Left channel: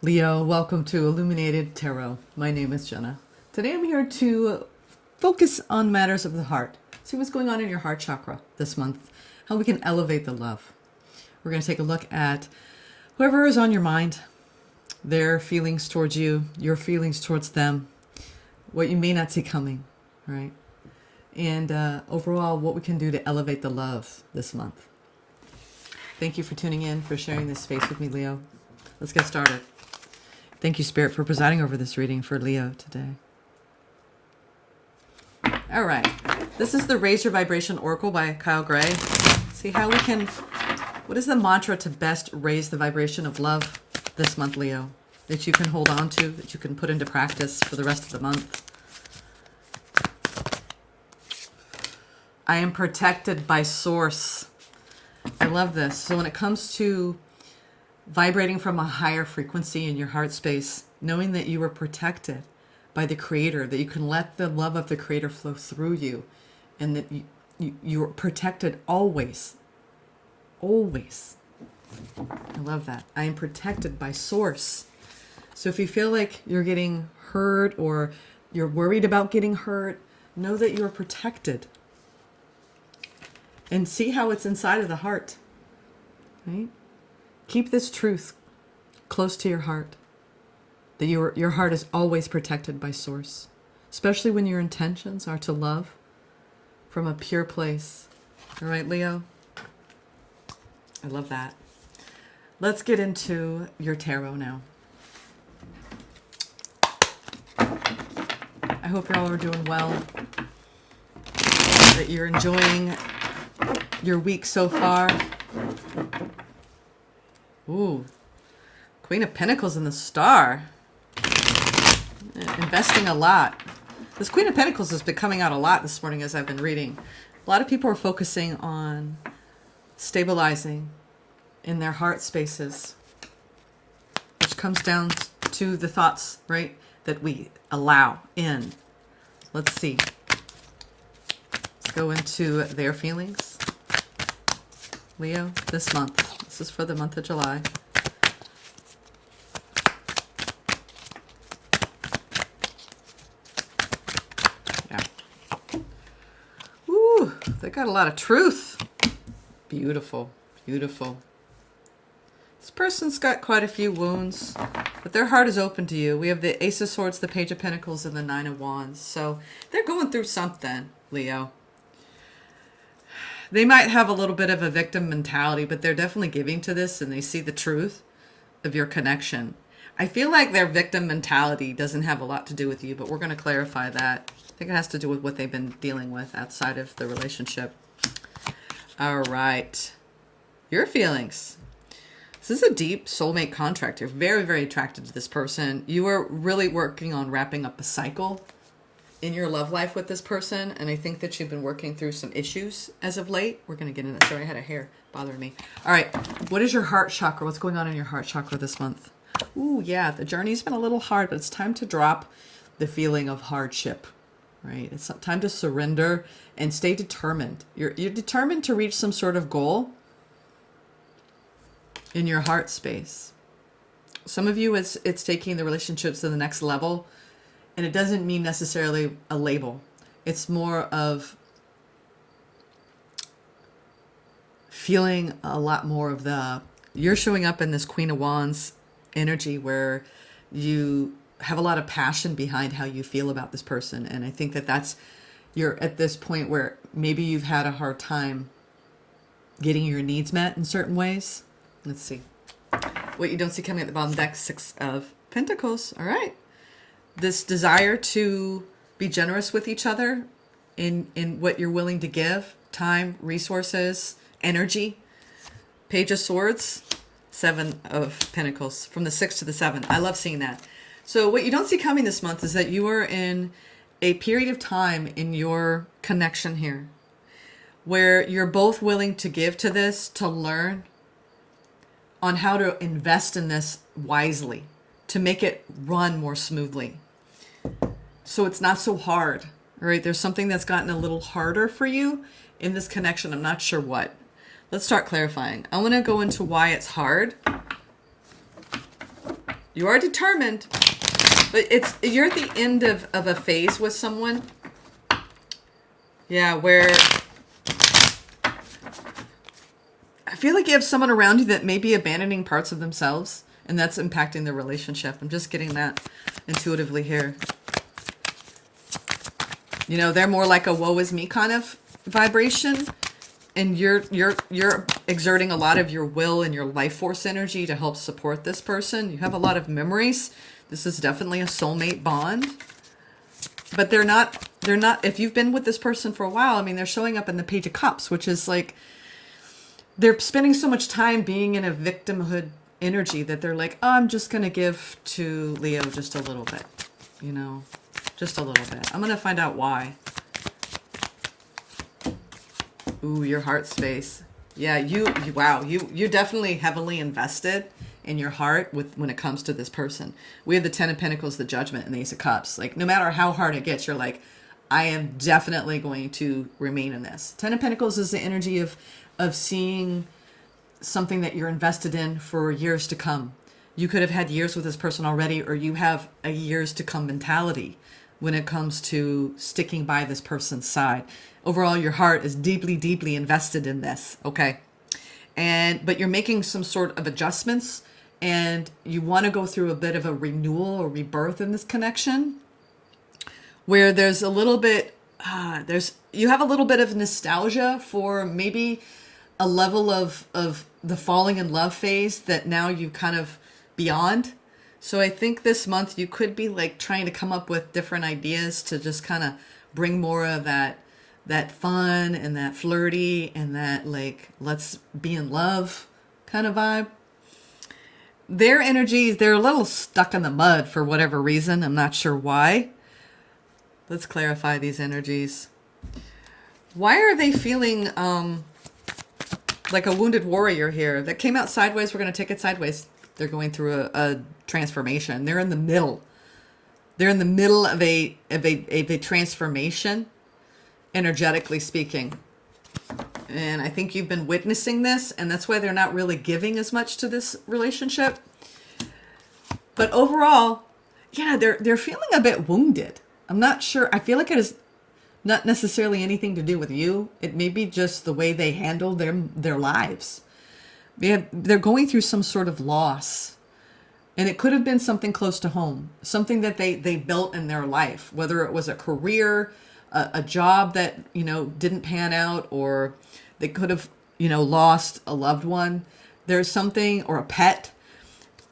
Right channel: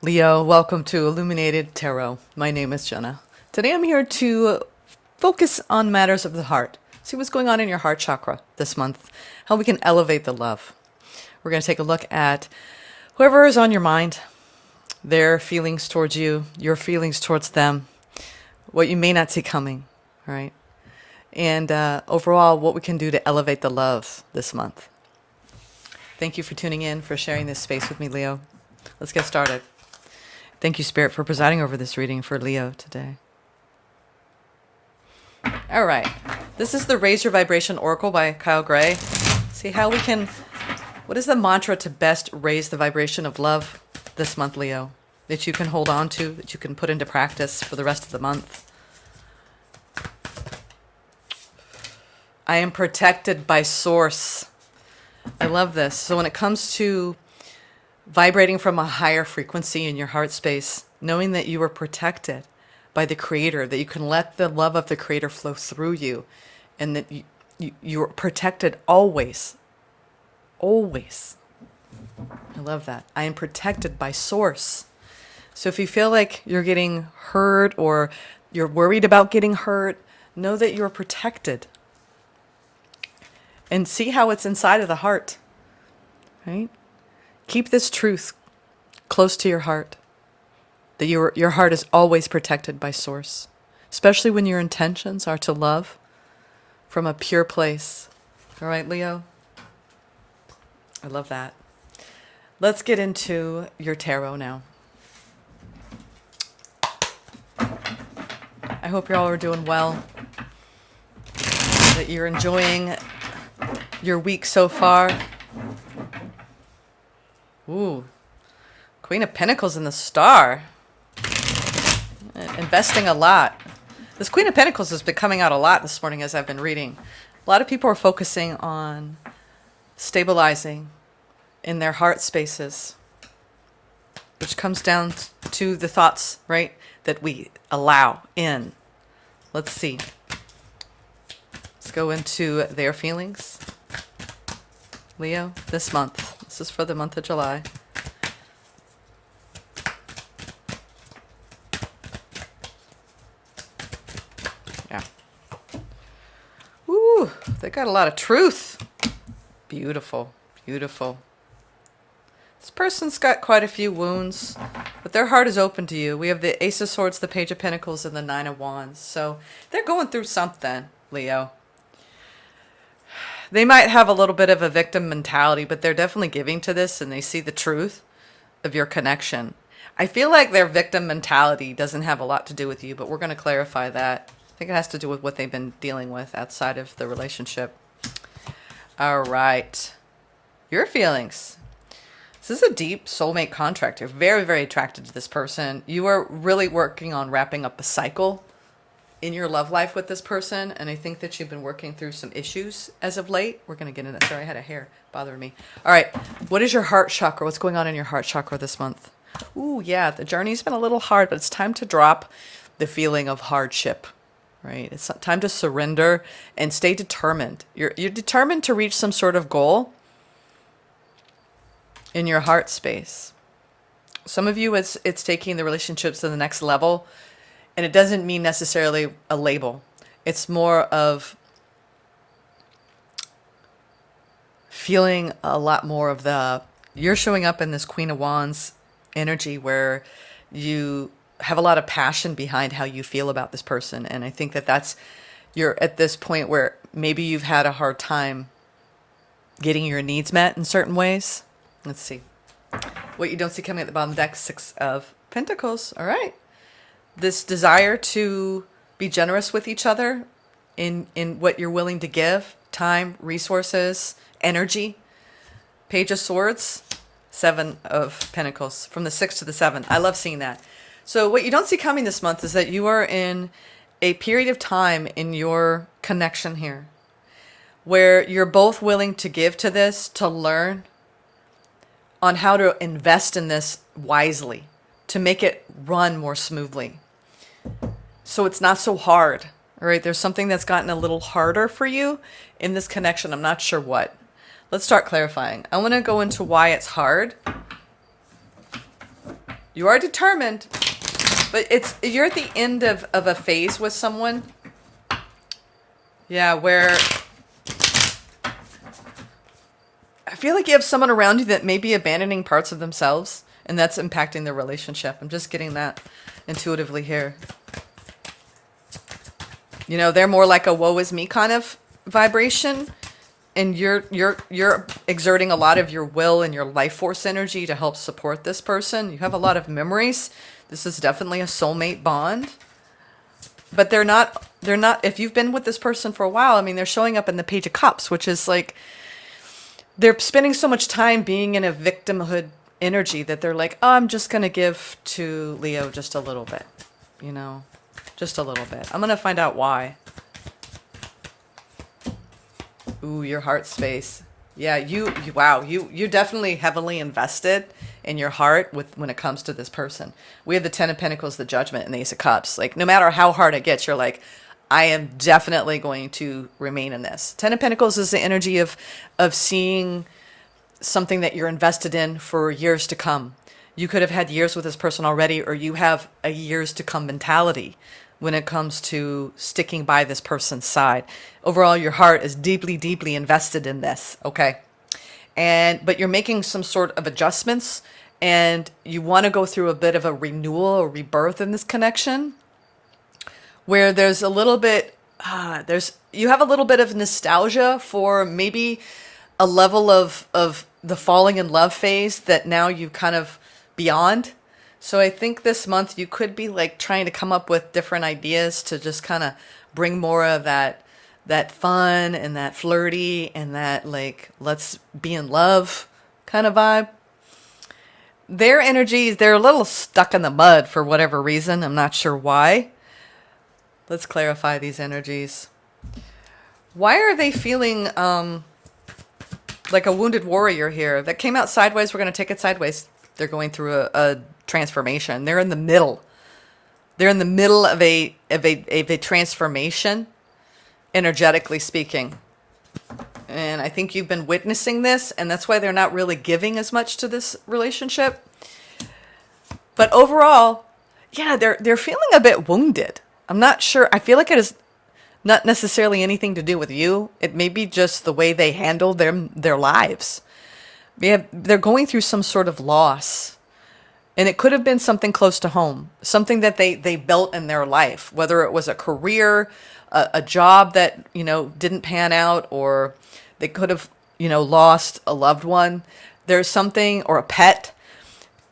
Leo, welcome to Illuminated Tarot. My name is Jenna. Today I'm here to focus on matters of the heart. See what's going on in your heart chakra this month, how we can elevate the love. We're going to take a look at whoever is on your mind, their feelings towards you, your feelings towards them, what you may not see coming, right? And overall, what we can do to elevate the love this month. Thank you for tuning in, for sharing this space with me, Leo. Let's get started. Thank you, Spirit, for presiding over this reading for Leo today. All right. This is the Raise Your Vibration Oracle by Kyle Gray. See how we can, what is the mantra to best raise the vibration of love this month, Leo, that you can hold on to, that you can put into practice for the rest of the month? I am protected by Source. I love this. So when it comes to vibrating from a higher frequency in your heart space, knowing that you are protected by the Creator, that you can let the love of the Creator flow through you, and that you're protected always. Always. I love that. I am protected by Source. So if you feel like you're getting hurt or you're worried about getting hurt, know that you're protected. And see how it's inside of the heart, right? Keep this truth close to your heart, that your heart is always protected by Source, especially when your intentions are to love from a pure place. All right, Leo? I love that. Let's get into your tarot now. I hope you all are doing well, that you're enjoying your week so far. Ooh, Queen of Pentacles and the Star. Investing a lot. This Queen of Pentacles has been coming out a lot this morning as I've been reading. A lot of people are focusing on stabilizing in their heart spaces, which comes down to the thoughts, right, that we allow in. Let's see. Let's go into their feelings. Leo, this month. This is for the month of July. Yeah. Ooh, they got a lot of truth. Beautiful, beautiful. This person's got quite a few wounds, but their heart is open to you. We have the Ace of Swords, the Page of Pentacles, and the Nine of Wands. So they're going through something, Leo. They might have a little bit of a victim mentality, but they're definitely giving to this and they see the truth of your connection. I feel like their victim mentality doesn't have a lot to do with you, but we're going to clarify that. I think it has to do with what they've been dealing with outside of the relationship. All right. Your feelings. This is a deep soulmate contract. You're very, very attracted to this person. You are really working on wrapping up a cycle in your love life with this person, and I think that you've been working through some issues as of late. We're going to get into that. Sorry, I had a hair bothering me. All right, what is your heart chakra? What's going on in your heart chakra this month? Ooh, yeah, the journey's been a little hard, but it's time to drop the feeling of hardship, right? It's time to surrender and stay determined. You're determined to reach some sort of goal in your heart space. Some of you, it's taking the relationships to the next level. And it doesn't mean necessarily a label. It's more of feeling a lot more of you're showing up in this Queen of Wands energy where you have a lot of passion behind how you feel about this person. And I think you're at this point where maybe you've had a hard time getting your needs met in certain ways. Let's see. What you don't see coming at the bottom of the deck, Six of Pentacles. All right. This desire to be generous with each other in what you're willing to give, time, resources, energy. Page of Swords, Seven of Pentacles, from the 6 to the 7. I love seeing that. So what you don't see coming this month is that you are in a period of time in your connection here where you're both willing to give to this, to learn on how to invest in this wisely, to make it run more smoothly. So it's not so hard, all right? There's something that's gotten a little harder for you in this connection. I'm not sure what. Let's start clarifying. I want to go into why it's hard. You are determined, but you're at the end of a phase with someone. Yeah, where I feel like you have someone around you that may be abandoning parts of themselves, and that's impacting the relationship. I'm just getting that intuitively here. You know, they're more like a woe is me kind of vibration, and you're exerting a lot of your will and your life force energy to help support this person. You have a lot of memories. This is definitely a soulmate bond. But they're not, if you've been with this person for a while, I mean, they're showing up in the Page of Cups, which is like, they're spending so much time being in a victimhood energy that they're like, oh, I'm just going to give to Leo just a little bit, you know, just a little bit. I'm going to find out why. Ooh, your heart space. Yeah, wow, you're definitely heavily invested in your heart when it comes to this person. We have the Ten of Pentacles, the Judgment, and the Ace of Cups. Like, no matter how hard it gets, you're like, I am definitely going to remain in this. Ten of Pentacles is the energy of seeing something that you're invested in for years to come. You could have had years with this person already, or you have a years to come mentality when it comes to sticking by this person's side. Overall, your heart is deeply, deeply invested in this, okay? But you're making some sort of adjustments, and you want to go through a bit of a renewal or rebirth in this connection, where there's a little bit, you have a little bit of nostalgia for maybe a level of the falling in love phase that now you kind of beyond. So I think this month you could be like trying to come up with different ideas to just kind of bring more of that fun and that flirty and that like, let's be in love kind of vibe. Their energies, they're a little stuck in the mud for whatever reason. I'm not sure why. Let's clarify these energies. Why are they feeling like a wounded warrior here? That came out sideways. We're going to take it sideways. They're going through a transformation. They're in the middle. They're in the middle of a transformation, energetically speaking. And I think you've been witnessing this, and that's why they're not really giving as much to this relationship. But overall, yeah, they're feeling a bit wounded. I'm not sure. I feel like it is not necessarily anything to do with you. It may be just the way they handle their lives. They're going through some sort of loss. And it could have been something close to home, something that they built in their life, whether it was a career, a job that, you know, didn't pan out, or they could have, you know, lost a loved one. There's something, or a pet.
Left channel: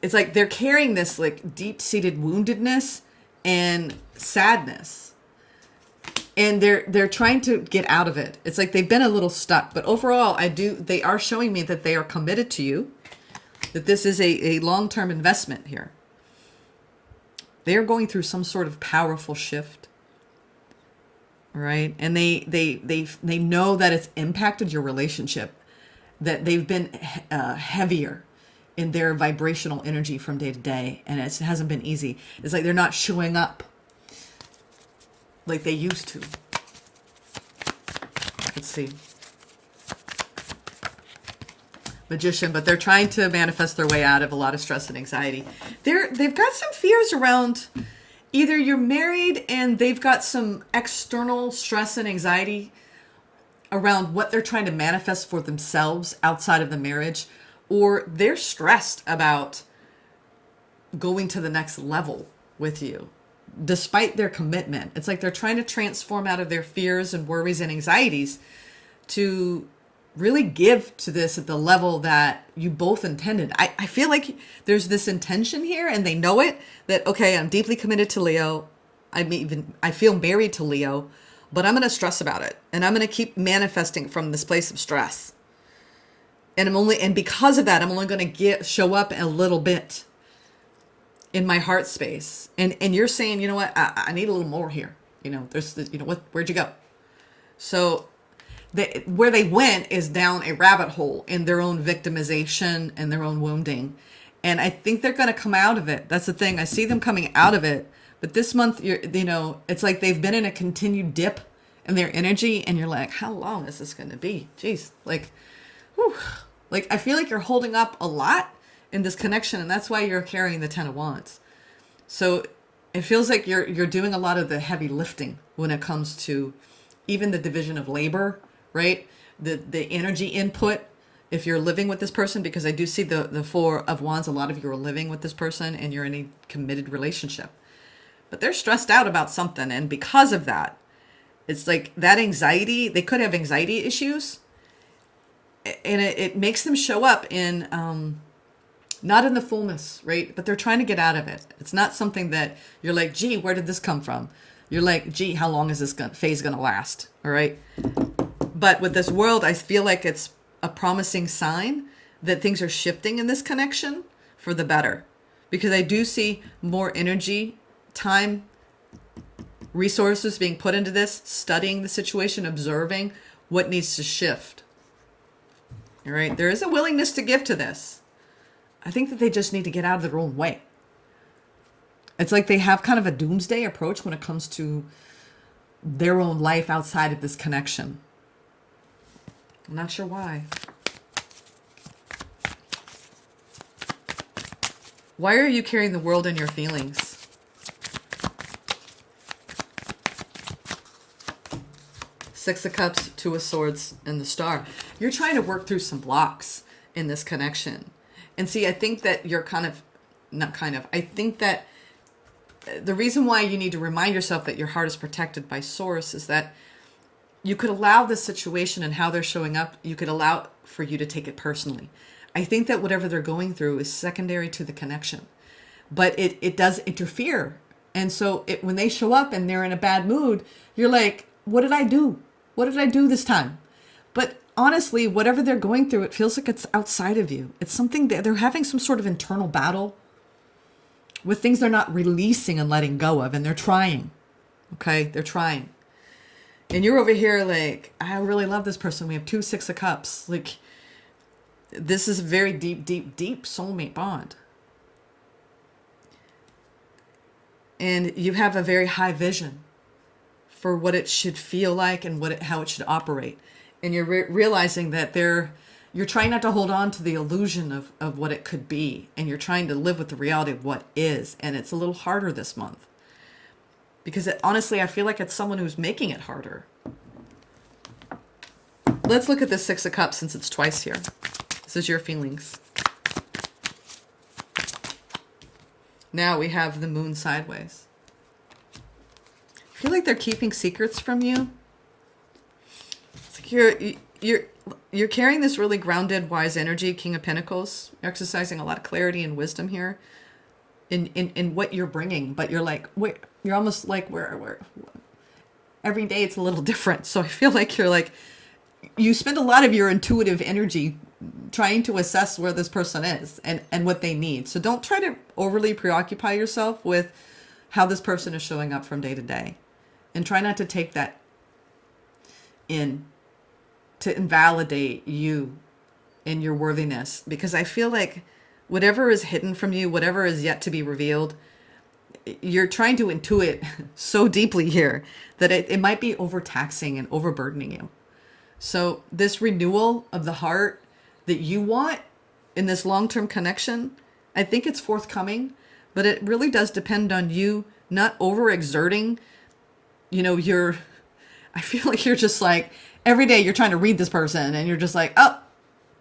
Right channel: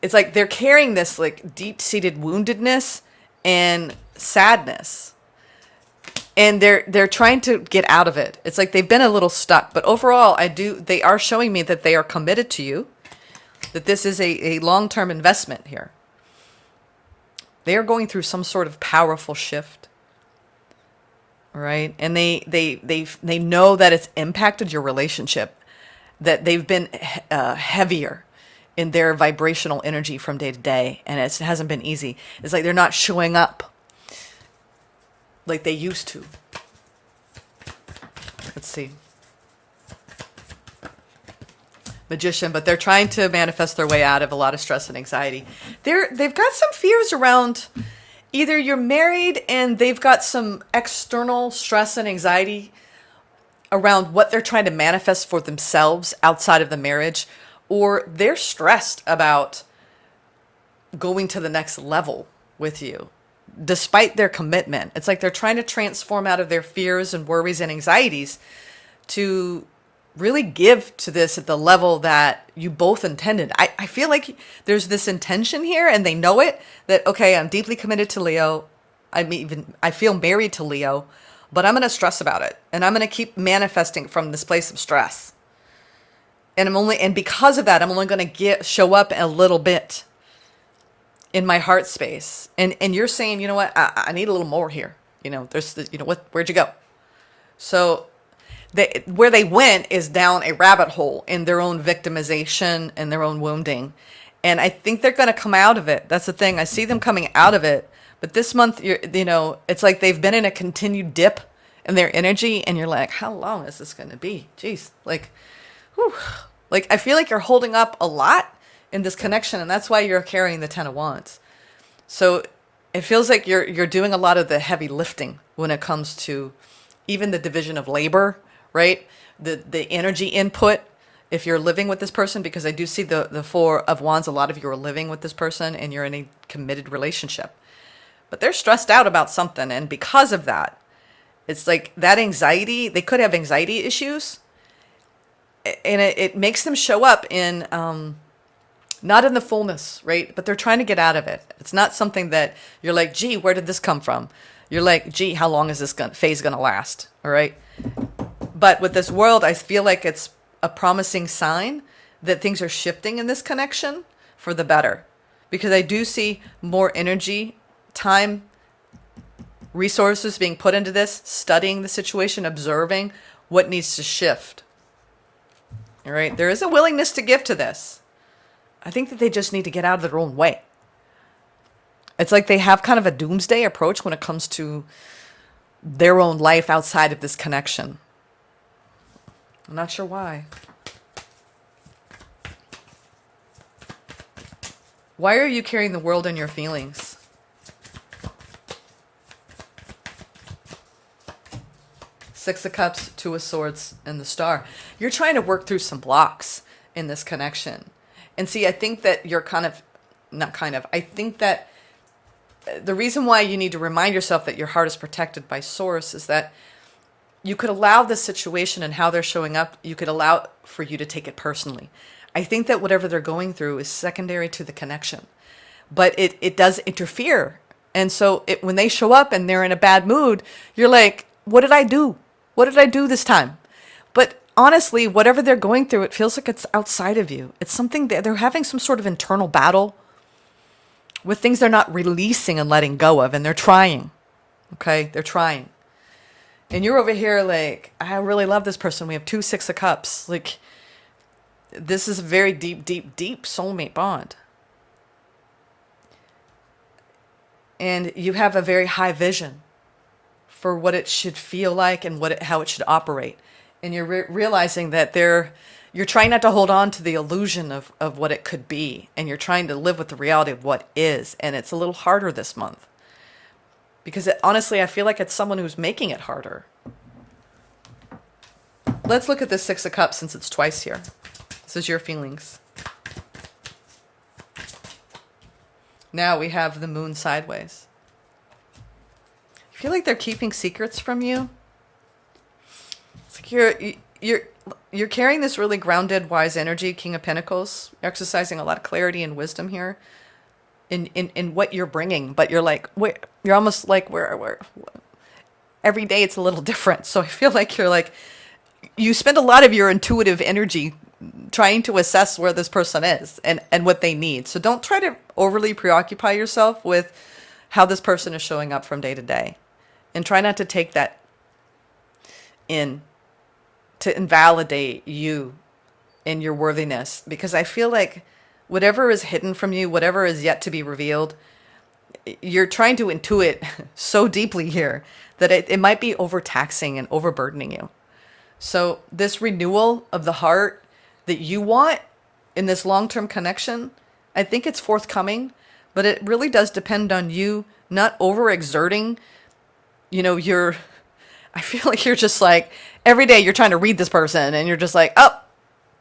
It's like they're carrying this like deep-seated woundedness and sadness. And they're trying to get out of it. It's like they've been a little stuck. But overall, they are showing me that they are committed to you, that this is a long-term investment here. They are going through some sort of powerful shift. Right? And they know that it's impacted your relationship, that they've been heavier in their vibrational energy from day to day, and it hasn't been easy. It's like they're not showing up like they used to. Let's see. Magician, but they're trying to manifest their way out of a lot of stress and anxiety. They've got some fears around either you're married and they've got some external stress and anxiety around what they're trying to manifest for themselves outside of the marriage, or they're stressed about going to the next level with you. Despite their commitment, it's like they're trying to transform out of their fears and worries and anxieties to really give to this at the level that you both intended. I feel like there's this intention here, and they know it, that, okay, I'm deeply committed to Leo. I feel married to Leo, but I'm going to stress about it. And I'm going to keep manifesting from this place of stress. And because of that, I'm only going to show up a little bit in my heart space. And you're saying, you know what, I need a little more here. You know, where'd you go? So where they went is down a rabbit hole in their own victimization and their own wounding. And I think they're going to come out of it. That's the thing. I see them coming out of it. But this month, it's like they've been in a continued dip in their energy. And you're like, how long is this going to be? Jeez. Like, whew. Like, I feel like you're holding up a lot in this connection, and that's why you're carrying the Ten of Wands. So it feels like you're doing a lot of the heavy lifting when it comes to even the division of labor, right? The energy input if you're living with this person, because I do see the Four of Wands. A lot of you are living with this person and you're in a committed relationship. But they're stressed out about something, and because of that, it's like that anxiety, they could have anxiety issues, and it makes them show up in not in the fullness, right? But they're trying to get out of it. It's not something that you're like, gee, where did this come from? You're like, gee, how long is this phase going to last? All right. But with this world, I feel like it's a promising sign that things are shifting in this connection for the better, because I do see more energy, time, resources being put into this, studying the situation, observing what needs to shift. All right. There is a willingness to give to this. I think that they just need to get out of their own way. It's like they have kind of a doomsday approach when it comes to their own life outside of this connection. I'm not sure why. Why are you carrying the world in your feelings? Six of Cups, Two of Swords, and the Star. You're trying to work through some blocks in this connection. And see, I think that you're I think that the reason why you need to remind yourself that your heart is protected by Source is that you could allow this situation and how they're showing up, you could allow for you to take it personally. I think that whatever they're going through is secondary to the connection, but it does interfere. And so when they show up and they're in a bad mood, you're like, what did I do? What did I do this time? But honestly, whatever they're going through, it feels like it's outside of you. It's something that they're having some sort of internal battle with things they're not releasing and letting go of. And they're trying. Okay. They're trying. And you're over here like, I really love this person. We have 2 6 of Cups. Like, this is a very deep, deep, deep soulmate bond. And you have a very high vision for what it should feel like and how it should operate. And you're realizing that you're trying not to hold on to the illusion of what it could be. And you're trying to live with the reality of what is. And it's a little harder this month. Because honestly, I feel like it's someone who's making it harder. Let's look at this 6 of Cups since it's twice here. This is your feelings. Now we have the Moon sideways. I feel like they're keeping secrets from you. It's like you're carrying this really grounded, wise energy, King of Pentacles, exercising a lot of clarity and wisdom here in what you're bringing. But you're like, wait, you're almost like where every day it's a little different. So I feel like you spend a lot of your intuitive energy trying to assess where this person is and what they need. So don't try to overly preoccupy yourself with how this person is showing up from day to day. And try not to take that in to invalidate you and your worthiness. Because I feel like whatever is hidden from you, whatever is yet to be revealed, you're trying to intuit so deeply here that it might be overtaxing and overburdening you. So this renewal of the heart that you want in this long-term connection, I think it's forthcoming, but it really does depend on you not overexerting. I feel like you're just like, every day you're trying to read this person and you're just like, oh,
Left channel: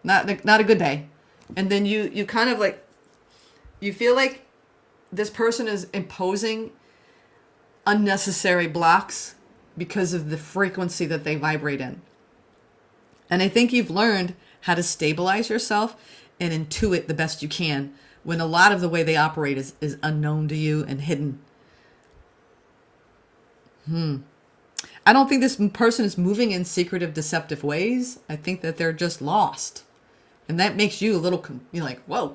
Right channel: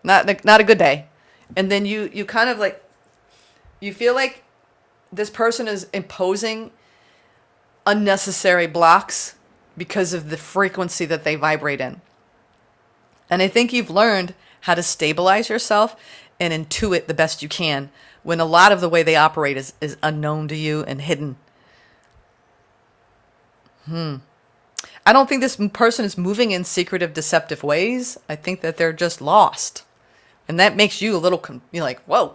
not a good day. And then you kind of like, you feel like this person is imposing unnecessary blocks because of the frequency that they vibrate in. And I think you've learned how to stabilize yourself and intuit the best you can when a lot of the way they operate is unknown to you and hidden. I don't think this person is moving in secretive, deceptive ways. I think that they're just lost. And that makes you a little, you're like, whoa.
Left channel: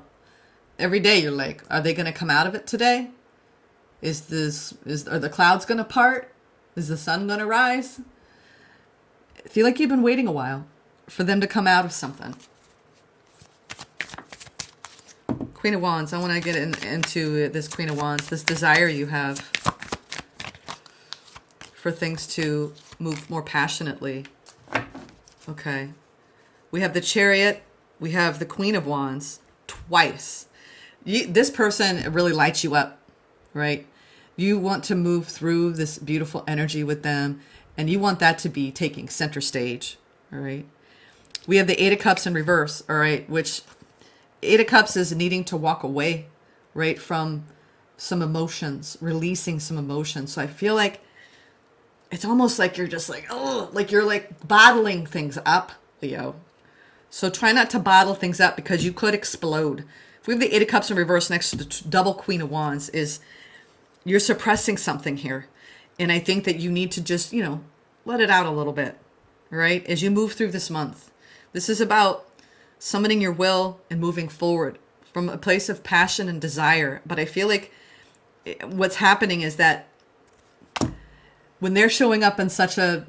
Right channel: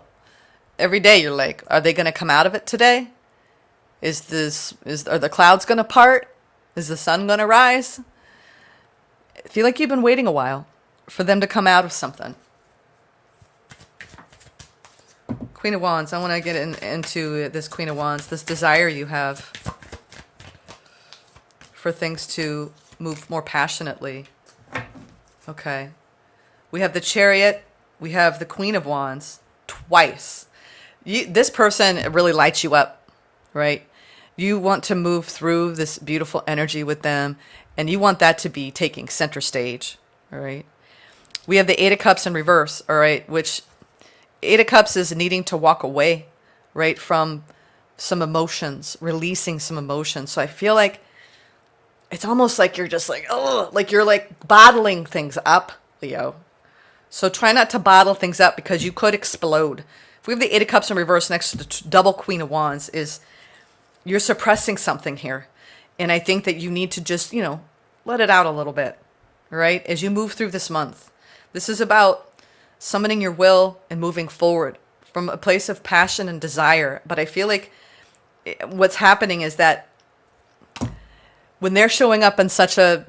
Every day you're like, are they going to come out of it today? Are the clouds going to part? Is the sun going to rise? I feel like you've been waiting a while for them to come out of something. Queen of Wands. I want to get into this Queen of Wands, this desire you have for things to move more passionately. Okay. We have the Chariot. We have the Queen of Wands. twice. This person really lights you up, right? You want to move through this beautiful energy with them, and you want that to be taking center stage, all right? We have the Eight of Cups in reverse, all right, which Eight of Cups is needing to walk away, right, from some emotions, releasing some emotions. So I feel like it's almost like you're just like, oh, like you're like bottling things up, Leo. So try not to bottle things up because you could explode. If we have the Eight of Cups in reverse next to the double Queen of Wands, is you're suppressing something here. And I think that you need to just, let it out a little bit, right? As you move through this month. This is about summoning your will and moving forward from a place of passion and desire. But I feel like what's happening is that when they're showing up in such a,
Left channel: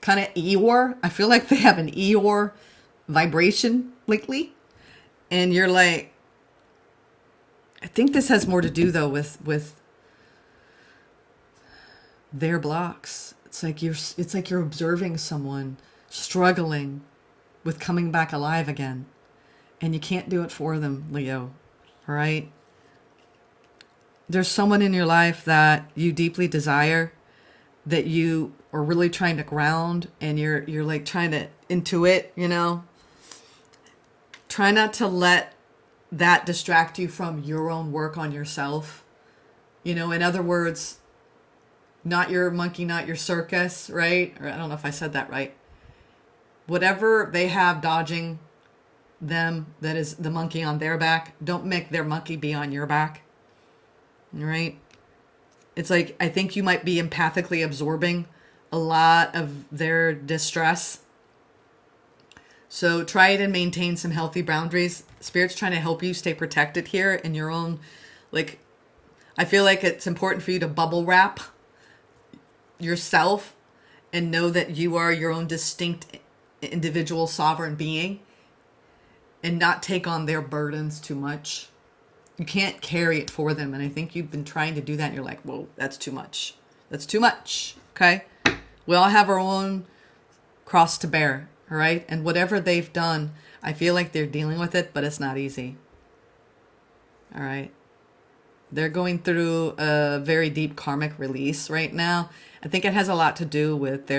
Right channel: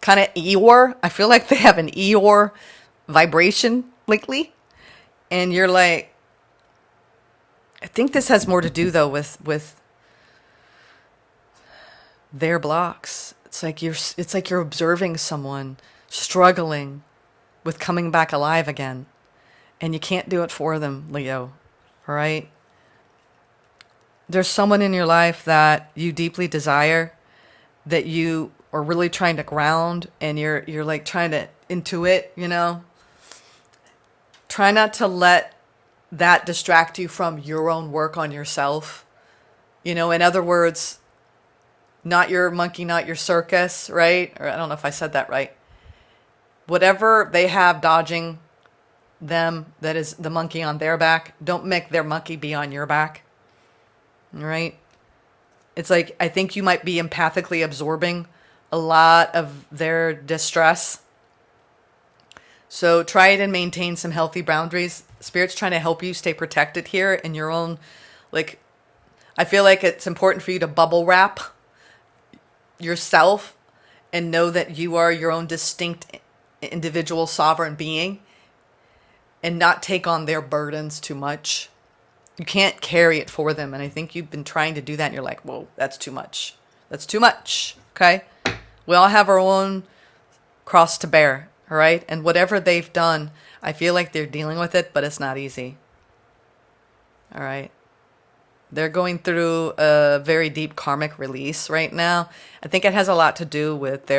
kind of Eeyore, I feel like they have an Eeyore vibration lately. And you're like, I think this has more to do though with their blocks. It's like you're observing someone struggling with coming back alive again. And you can't do it for them, Leo. All right? There's someone in your life that you deeply desire, that you are really trying to ground, and you're like trying to intuit, Try not to let that distract you from your own work on yourself. In other words, not your monkey, not your circus, right? Or I don't know if I said that right. Whatever they have dodging them, that is the monkey on their back, don't make their monkey be on your back. All right? It's like, I think you might be empathically absorbing a lot of their distress. So try it and maintain some healthy boundaries. Spirit's trying to help you stay protected here in your own, I feel like it's important for you to bubble wrap yourself and know that you are your own distinct individual sovereign being and not take on their burdens too much. You can't carry it for them. And I think you've been trying to do that and you're like, whoa, that's too much. That's too much. Okay. We all have our own cross to bear. All right. And whatever they've done, I feel like they're dealing with it, but it's not easy. All right. They're going through a very deep karmic release right now. I think it has a lot to do with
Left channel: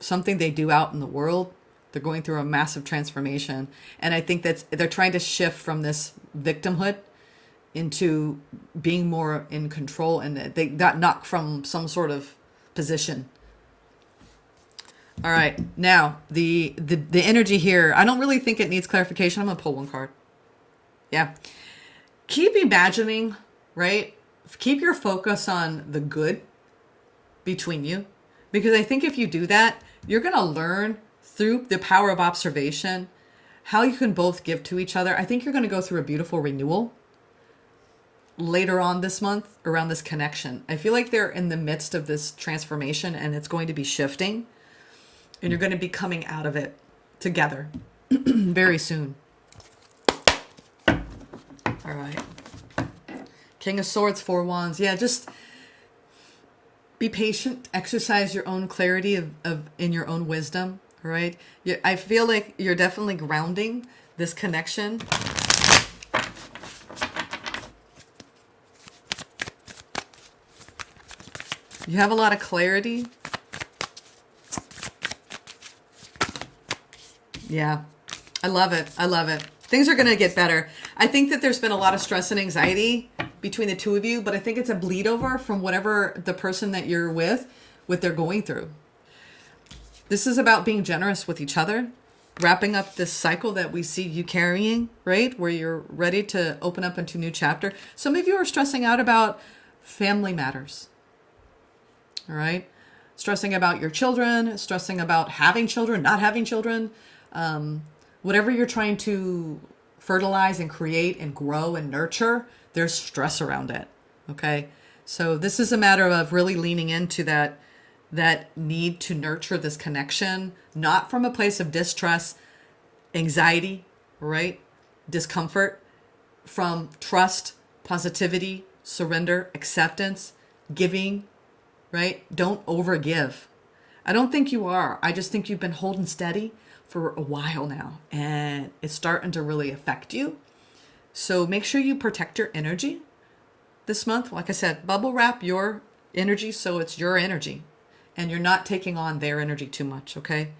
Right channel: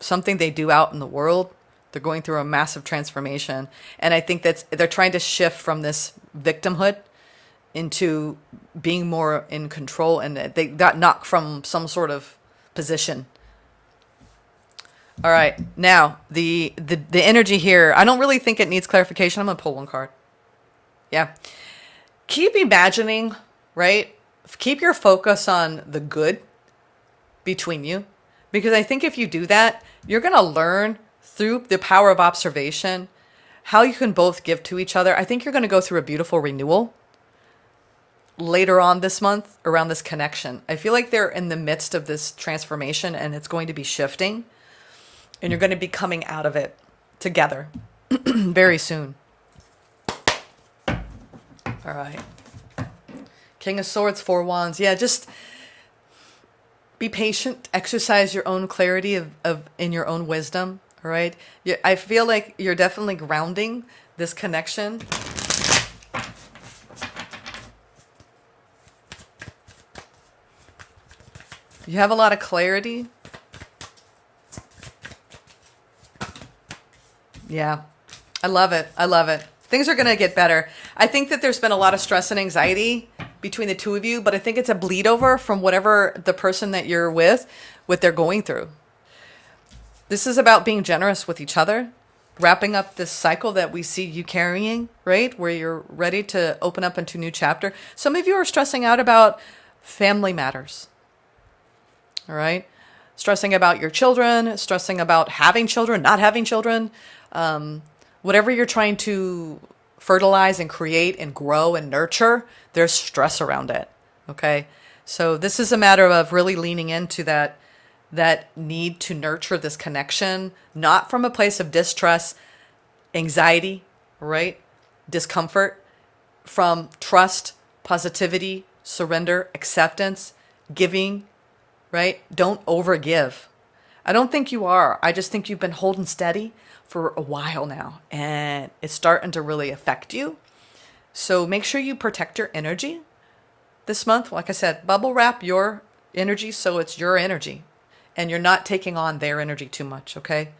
something they do out in the world. They're going through a massive transformation. And I think they're trying to shift from this victimhood into being more in control. And they got knocked from some sort of position. All right. Now, the energy here, I don't really think it needs clarification. I'm going to pull one card. Yeah. Keep imagining, right? Keep your focus on the good between you. Because I think if you do that, you're going to learn through the power of observation how you can both give to each other. I think you're going to go through a beautiful renewal later on this month around this connection. I feel like they're in the midst of this transformation and it's going to be shifting. And you're going to be coming out of it together very soon. All right. King of Swords, Four Wands. Yeah, just be patient. Exercise your own clarity of in your own wisdom. All right. I feel like you're definitely grounding this connection. You have a lot of clarity. Yeah, I love it. I love it. Things are going to get better. I think that there's been a lot of stress and anxiety between the two of you, but I think it's a bleed over from whatever the person that you're with, what they're going through. This is about being generous with each other, wrapping up this cycle that we see you carrying, right? Where you're ready to open up into a new chapter. Some of you are stressing out about family matters, all right? Stressing about your children, stressing about having children, not having children. Whatever you're trying to fertilize and create and grow and nurture, there's stress around it. Okay. So this is a matter of really leaning into that need to nurture this connection, not from a place of distress, anxiety, right? Discomfort, from trust, positivity, surrender, acceptance, giving, right? Don't overgive. I don't think you are. I just think you've been holding steady, for a while now, and it's starting to really affect you. So make sure you protect your energy this month. Like I said, bubble wrap your energy so it's your energy and you're not taking on their energy too much, okay?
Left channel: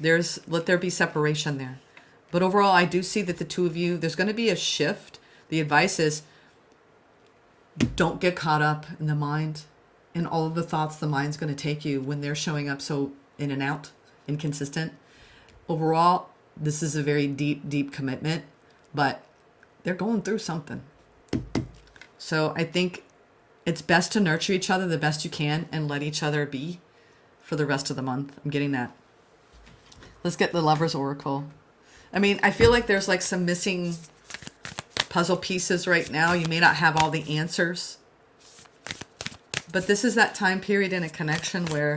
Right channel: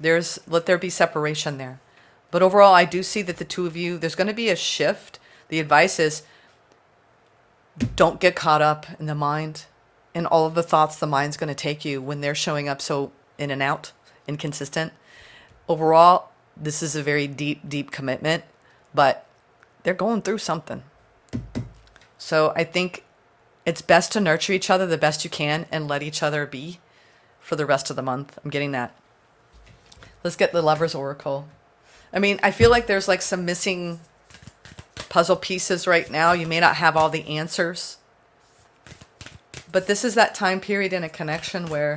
Let there be separation there. But overall, I do see that the two of you, there's going to be a shift. The advice is don't get caught up in the mind and all of the thoughts the mind's going to take you when they're showing up so in and out, inconsistent. Overall, this is a very deep, deep commitment, but they're going through something. So I think it's best to nurture each other the best you can and let each other be for the rest of the month. I'm getting that. Let's get the Lover's Oracle. I mean, I feel like there's like some missing puzzle pieces right now. You may not have all the answers, but this is that time period in a connection where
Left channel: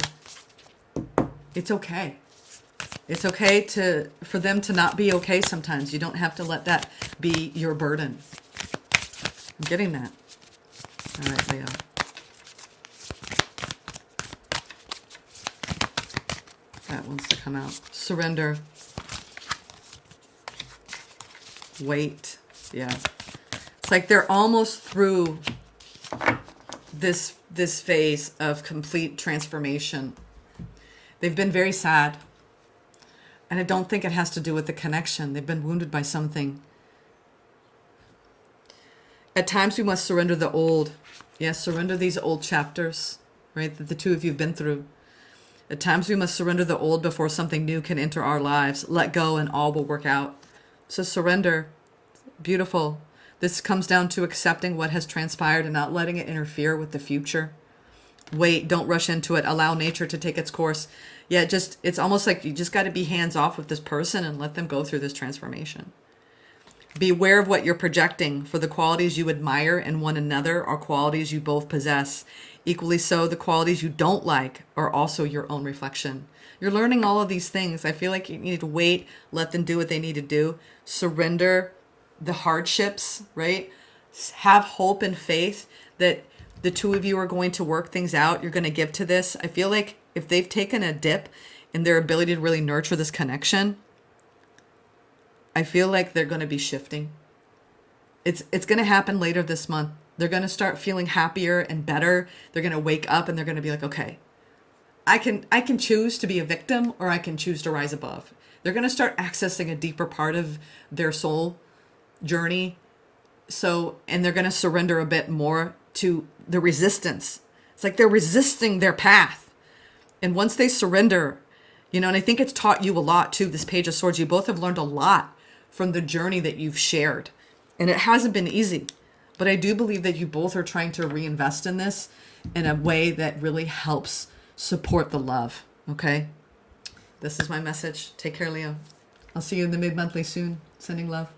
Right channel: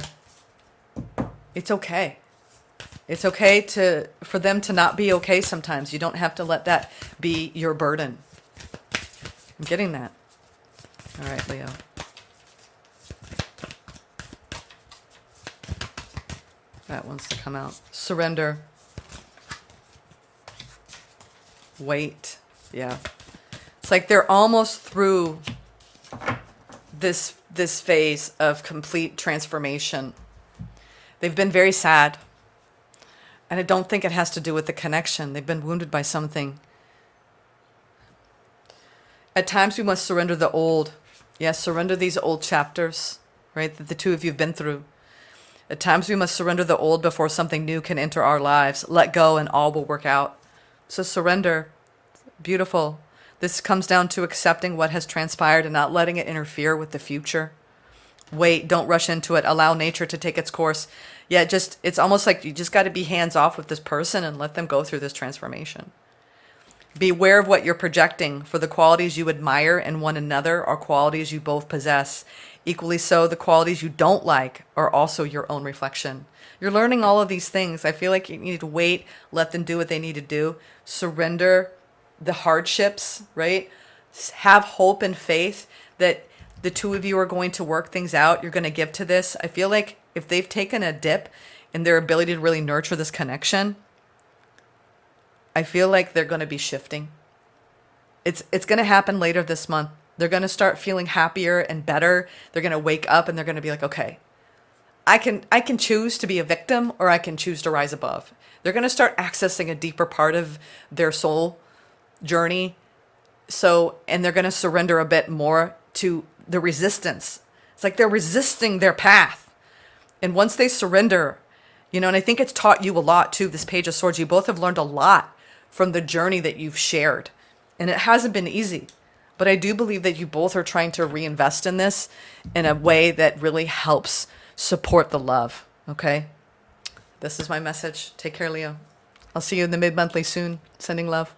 it's okay. It's okay for them to not be okay sometimes. You don't have to let that be your burden. I'm getting that. All right, Leo. That wants to come out. Surrender. Wait. Yeah. It's like they're almost through this phase of complete transformation. They've been very sad. And I don't think it has to do with the connection. They've been wounded by something. At times we must surrender the old. Yes, surrender these old chapters, right, that the two of you have been through. At times we must surrender the old before something new can enter our lives. Let go and all will work out. So surrender. Beautiful. This comes down to accepting what has transpired and not letting it interfere with the future. Wait, don't rush into it. Allow nature to take its course. Yeah, it's almost like you just got to be hands off with this person and let them go through this transformation. Beware of what you're projecting, for the qualities you admire in one another are qualities you both possess. Equally so, the qualities you don't like are also your own reflection. You're learning all of these things. I feel like you need to wait, let them do what they need to do. Surrender the hardships, right? Have hope and faith that the two of you are going to work things out. You're going to give to this. I feel like if they've taken a dip in their ability to really nurture this connection, I feel like they're going to be shifting. It's going to happen later this month. They're going to start feeling happier and better. They're going to wake up and they're going to be like, okay, I can choose to be a victim or I can choose to rise above. They're going to start accessing a deeper part of their soul journey. And they're going to surrender a bit more to the resistance. It's like they're resisting their path. And once they surrender, and I think it's taught you a lot too, this Page of Swords. You both have learned a lot from the journey that you've shared. And it hasn't been easy. But I do believe that you both are trying to reinvest in this in a way that really helps support the love. Okay? This is my message. Take care, Leo. I'll see you in the mid-monthly soon. Sending love.